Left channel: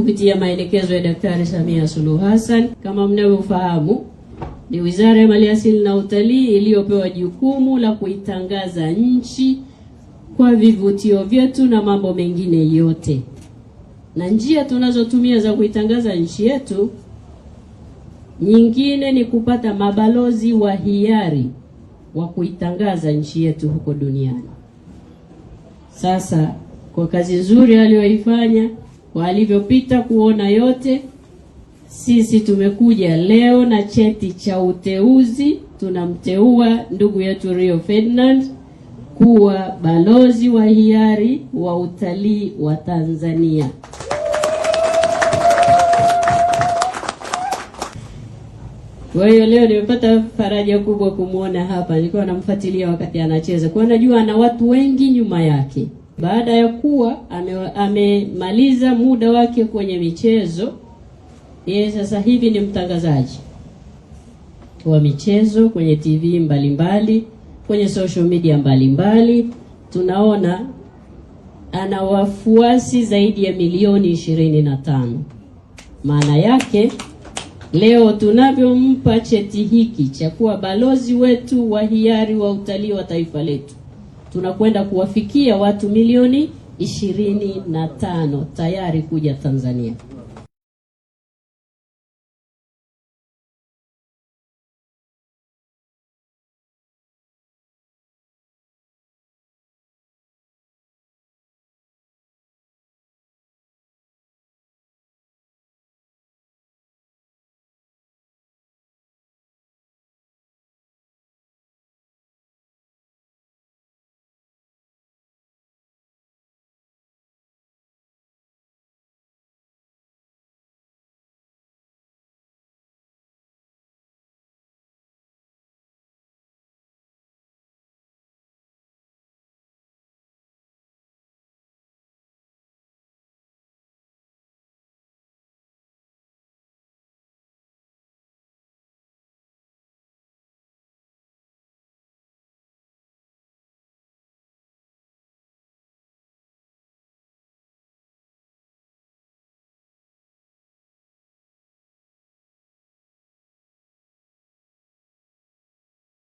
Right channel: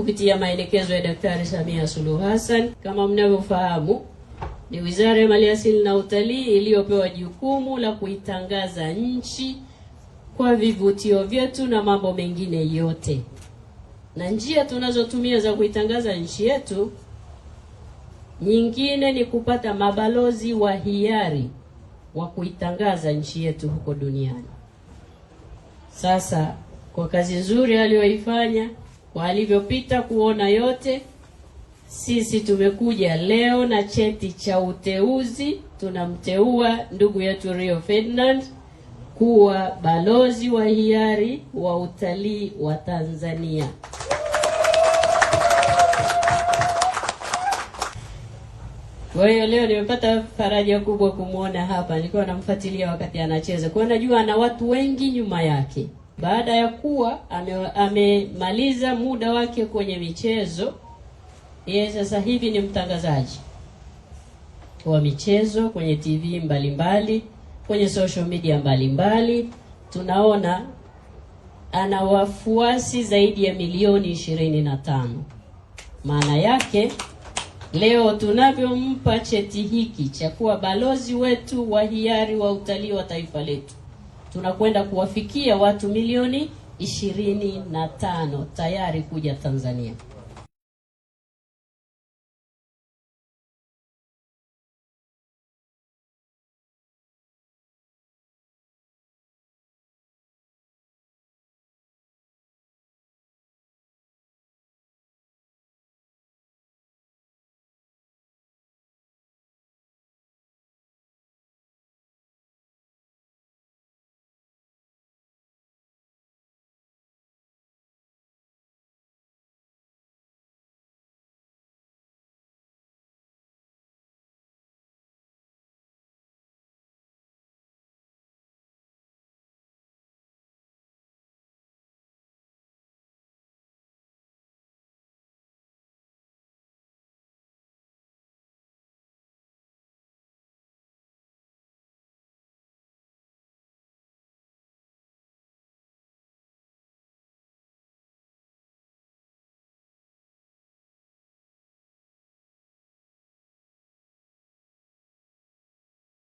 kupitia maelekezo ya Daktari Samia Suluhu Hassan. Kama mnavyofahamu, ni Wizara ya Maliasili na Utalii iliyopewa jukumu la kuitangaza nchi kwa vivutio vyetu na mambo mengine yote. Na njia tunazotumia za kuitangaza nchi yetu nyingine ni kupata mabalozi wa hiari wa kuitangaza nchi yetu huko duniani. Sasa kwa kazi nzuri aliyoifanya, kwa alivyopita kuona yote, sisi tumekuja leo na cheti cha uteuzi. Tunamteua ndugu yetu Rio Ferdinand kuwa balozi wa hiari wa utalii wa Tanzania. Kwa hiyo leo nimepata faraja kubwa kumuona hapa. Nilikuwa namfuatilia wakati anacheza, kwa najua ana watu wengi nyuma yake. Baada ya kuwa amemaliza muda wake kwenye michezo, yeye sasa hivi ni mtangazaji wa michezo kwenye TV mbalimbali, kwenye social media mbalimbali. Tunaona ana wafuasi zaidi ya milioni 25. Maana yake leo tunavyompa cheti hiki cha kuwa balozi wetu wa hiari wa utalii wa taifa letu, tunakwenda kuwafikia watu milioni 25 tayari kuja Tanzania.